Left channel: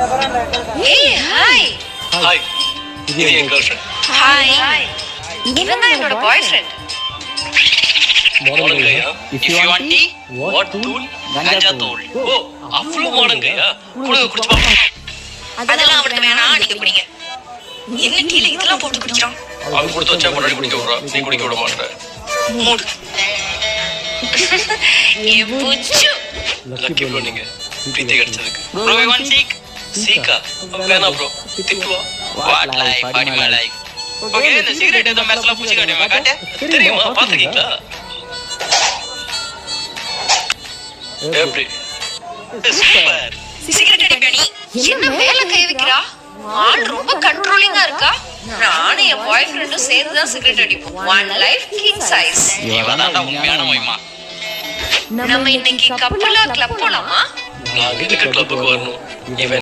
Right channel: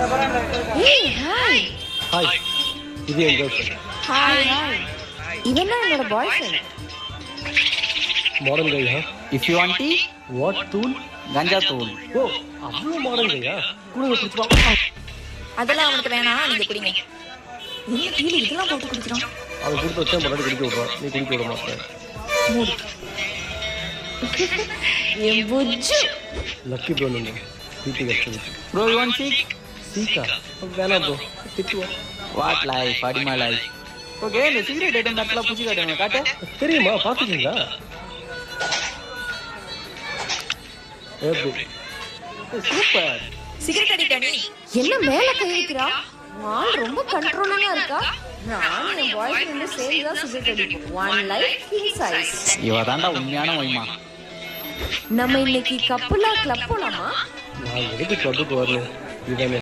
Hey, hi. Hi. இது என் girlfriend. Hi. இவன் தான் என்னோட boyfriend. மாடல் கையா? If you want tea, What tool? ganja tool. ஓ, அவ்வளவு மாடல் கையா? குடு குடு. அதெல்லாம் அவனுக்கு வேணாம், நீங்க குடிங்க. என்ன கீழே இதெல்லாம் போட்டு குடிச்சான்? அது போட்டு மடல் குடிக்க விடுறா. நீ குடிக்க விட மாட்டே. மூடு. என் புச்சு. லக்கி ப்ரோ நீங்க. Bro, you want seek? சீக்கா. வேணா bro. திட்டுவா. What life? Adima life. Okay, இந்த சீரியல் டேட்டா மேட்ச்ல புடிச்சு காட்டுங்க. காட்டு. தெரியுமா? பாத்துட்டீங்களா? எப்படி? சூப்பர். சிகரெட் அடி. என்ன மேல கை வைக்கிறா? ஆள் ரொம்ப கண்ட்ரோலிங்கா இருக்கா? நானே என் பாய்ஃப்ரெண்டும் சேர்ந்து தான் சிகரெட் அடிப்போம். One life king size. இவதான்டா உண்மையான உண்மை. நம்ம இன்னைக்கு கப்புலா கிளப் போலாமா? நான் எதுக்கு கிளப்புக்கு வரணும்? இவன்